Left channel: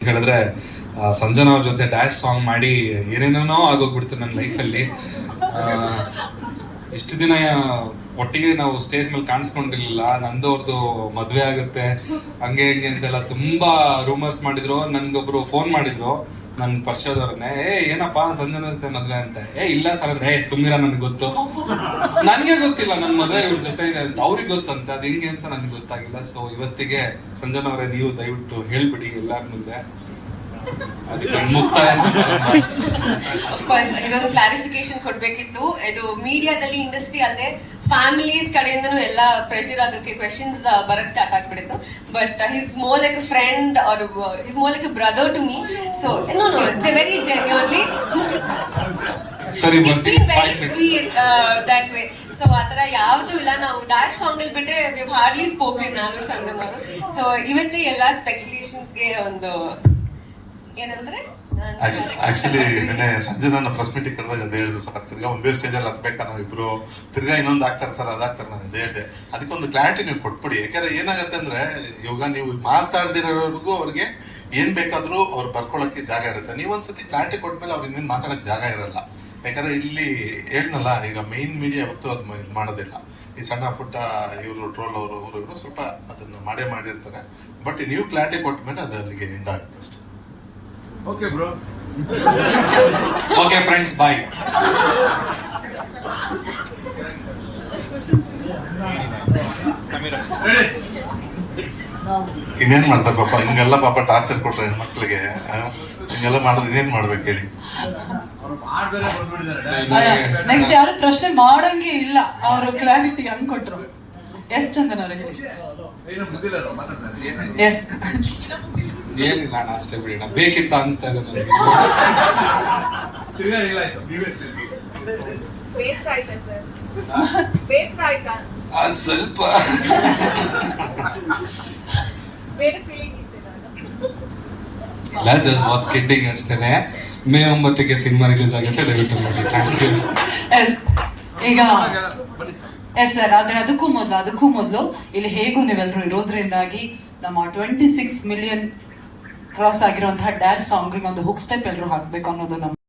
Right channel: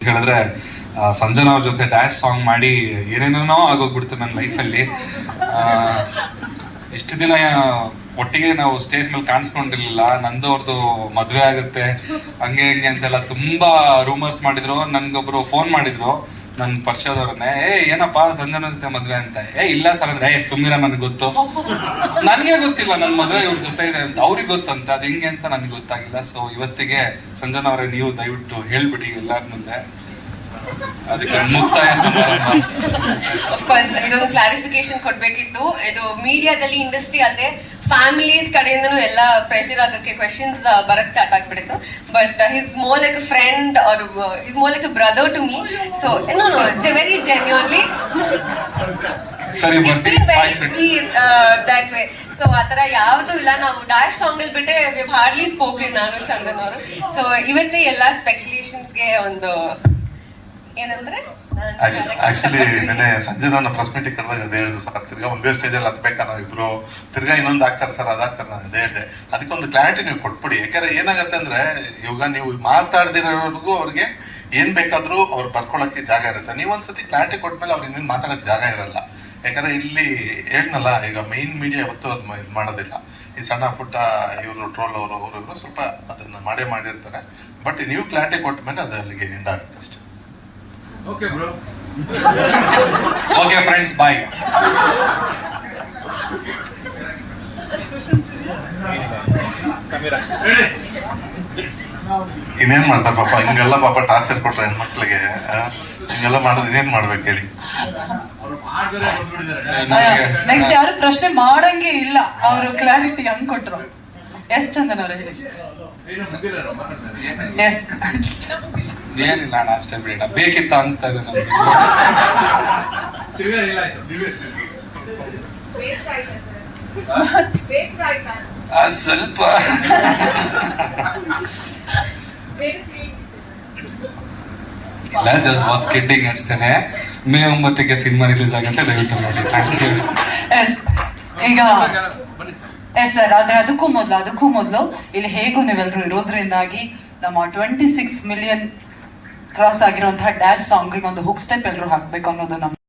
ಹೇಳಿದ್ರೆ ಸಂಜನಾ ಅವ್ರ ಜೊತೆ ಡ್ಯಾಶ್ ಸಾಂಗ್ ಮಾಡಿ ಏನೇನೋ ಆಗೋಗ್ಬಿಡ್ತು ನನ್ನ ಲೈಫಲ್ಲಿ ಇಷ್ಟು ದಿನ ಒಟ್ಟಿಗೆ ನಾವು ಸ್ಟೇಜ್ ಮೇಲೆ ಕಾಣಿಸ್ಕೊಂಡಿರ್ಲಿಲ್ಲ. ನಂದು ಅವ್ರದ್ದು ಮದ್ವೆ ಆಗುತ್ತೆ. ಹಂಗೆ ಹಿಂಗೆ ಅಂತೆಲ್ಲ ತುಂಬಾ ರೂಮರ್ಸ್ ಮಾಡಿದ್ರು. ನನ್ಗೊಬ್ರು ಫೋನ್ ಮಾಡಿದ್ರು. ನನ್ ಪರಿಚಯದವ್ರನ್ನೇ ಏ, ಏನಪ್ಪಾ, ಸಂಜನ ಜೊತೆ ಮದ್ವೆ ಅಂತ? ಏ, ಇಲ್ಲ ಸರ್ ಏ ಸುಮ್ಮಿರ ನನ್ಗೆ ಗೊತ್ತು. ನನಗೆ ಗೊತ್ತಿಲ್ಲ ನನ್ ಮದ್ವೆ ಇವ್ರ ಜೊತೆ ಇದೆ. ಅಂತ ಅವ್ರಿಗೆ ಗೊತ್ತಂತ, ಅದು ಹಿಂಗೆ ಅಂತ ನನ್ಗೆ ಗೊತ್ತಾಗಿಲ್ಲ. ಸೊ ಇವತ್ತಿಗೆ ಸಂಜನ ಅವರೇ, ನೀವು ದಯವಿಟ್ಟು ಹೇಳ್ಬಿಡಿ ಎಲ್ಲಾರ ಮುಂದೆ. ಕ್ಲಾರಿಫಿಕೇಶನ್ ಕೊಡ್ಬೇಕಿತ್ತು. ಇದು ಮೀಡಿಯಾದಲ್ಲಿ ಇಂಡಸ್ಟ್ರಿ ಅಲ್ಲದೆ ಫ್ಯಾಮಿಲೀಸ್ ಕಡೆಯಿಂದನು ಎಲ್ಲ ಪ್ರೆಷರ್ ಆಗಕ್ಕೆ ಕ್ವೆಶನ್ಸ್ ಬರಕ್ ಸ್ಟಾರ್ಟ್ ಆಗ್ಬಿಟ್ಟಿತ್ತು but he's more like a friend or he's more like a brother to me so no no it's very genuinely ಸರಿ ದಟ್ ವೇ ಸೊ ಆತರ ಯಾವ್ದು ಇಲ್ಲ. ನಾವು ಡ್ಯಾಶ್ ಸಾಂಗ್ ಅಲ್ಲಿ ಬಿಟ್ಟೆ ಹಾರ್ಡ್ಲಿ ಸ್ಪೋಕನ್ ನಾನು ಚಂದನ್ ಅವರು. ಸೊ ಇವತ್ತೇ ಎಲ್ಲಾ ಸ್ಪೆಕ್ಯುಲೇಷನ್ಸ್ಗೆ ಒಂದು ಆಕ್ಚುಲಿ ನಿನ್ನೆ ಸಂಜೆ ನಾನು ಪ್ರೆಸ್ ಮೀಟಿಂಗ್ ಕರೆದಾಗ ಅದೇ ಹೇಳಿದೆ ಸರ್ ತಿರ್ಗಾ ಒಂದೇ ಸ್ಟೇಜಲ್ಲಿ ಹತ್ಬೇಕಾ ನಾವು ಇಬ್ರು ತಿರ್ಗಾ ಇನ್ನೊಂದು ಹಾಕ್ತಾರೆ ಸರ್ ಅದಾಗ್ತಾರೆ ನಾನು ಅದೇ ಹೇಳಿದೆ. ಅದಕ್ಕೊಂದು ಕ್ಲಾರಿಟಿ ನೀವು ಕೊಟ್ಬಿಡಿ. ಯಾಕಂದ್ರೆ ಏನಾಗತ್ತೆ ಅಂದ್ರೆ, ಇವಾಗ ನೀವು ಮಾತಾಡ್ದಿರೋರ್ಗೂ ಅವ್ರಿಗೆ ಏನ್ ಬೇಕಾದ್ರೂ ಅವ್ರು ಬರ್ಕೊಳಕ್ಕೆ ಜಾಗ ಇರುತ್ತೆ. ನೀವು ಒಂದ್ಸತಿ ಕ್ಲಾರಿಟಿ ಕೊಟ್ಮೇಲೆ ಅವ್ರಿಗೆ ಇನ್ನೇನು ಮಾತಾಡಕ್ ಜಾಗ ಇರಲ್ಲ. ಯಾಕಂದ್ರೆ ಇಲ್ಲಿ ಹೇಳ್ನಲ್ಲ ಈಗ ಮೈನ್ ಮೀಡಿಯಾ ಯಾವತ್ತೂ ಅದು ಇದು ಮಾಡೋದಿಲ್ಲ. ಈ ಸಣ್ಣ ಪುಟ್ಟ ಇವರು ಟ್ರೋಲ್ ಅವರು ಸ್ವಲ್ಪ ಅದನ್ನ ಮಾಡೇ ಮಾಡಿರ್ತಾರೆ. ಬಟ್ ನೀವು ಕ್ಲಾರಿಟಿ ಕೊಟ್ಟ ಮೇಲೆ ಅದು ಅಲ್ಲಿಗೆ ಎಂಡ್ ಅಷ್ಟೇ. Okay bro okay friends bye ಇನ್ನೇನ್ ಮಾಡ್ತಾರೆ ಪಾಪ? ಹಿಂಗೆಲ್ಲ ಪಾಪ ಟಾರ್ಚರ್ ಕೊಟ್ರೆ ಹೆಣ್ಮಕ್ಳಿಗೆ ಮಕ್ಳಿಗೆ ಹಿಂಗೆಲ್ಲ ಮಾಡೋದು ಇನ್ನೇನ್ ಮಾಡ್ಬೇಕು ಹೇಳಿ? ನೆಕ್ಸ್ಟ್ ಯಾರು ಪ್ರಶ್ನೆ ಮಾಡಂಗೆ ಇಲ್ಲ. ಅವರು ಕ್ಲಾರಿಟಿ ಹಂಗ್ ಕೊಟ್ರು. ಎಸ್ ಚಂದನ್ ಅವರೇ ಹೇಳಿ. ಎಸ್. ಏನಿಲ್ಲ ಅಣ್ಣ ಅಷ್ಟೇ ಬೇಡ ಬೇಕಿತ್ತು ಅನ್ಸ್ತಾ ಇದೆ ನಮ್ಗೆ. ಆ, ಸ್ವಲ್ಪ. ಇಲ್ಲ ಜಸ್ಟ್ ವಾಸ್ ಕಿಡ್ಡಿಂಗ್ ಅಷ್ಟೇನೆ. ಮೇ ಒಂಬತ್ತಕ್ಕೆ ಸಿನಿಮಾ ರಿಲೀಸ್ ಆಗುತ್ತೆ ದಯವಿಟ್ಟು ನೋಡಿ. ಥ್ಯಾಂಕ್ ಯು ಎಸ್ ಈಗ ಎಸ್ ಸರ್ ಆದ್ರೆ ಅದಕ್ಕೂ ಮೊದಲು ಅದಕ್ಕೂ ಮೊದಲು ಇಲ್ಲಿ ಹೇಗೂ ನೀವೆಲ್ಲರೂ ಇರೋದ್ರಿಂದಾಗಿ ನಮ್ಮ ಟ್ವೆಂಟಿ ಸಿಕ್ಸ್ ಮಿಲಿಯನ್ ಕ್ರಾಸ್ ಆಗಿರುವಂತಹ ಡ್ಯಾಶ್ ಸಾಂಗ್ ಒಂದು ಹುಕ್ ಸ್ಟೆಪ್ ಎಲ್ಲರೂ ಹಾಕ್ಬೇಕು ಅನ್ನೋದು ನಮ್ಮ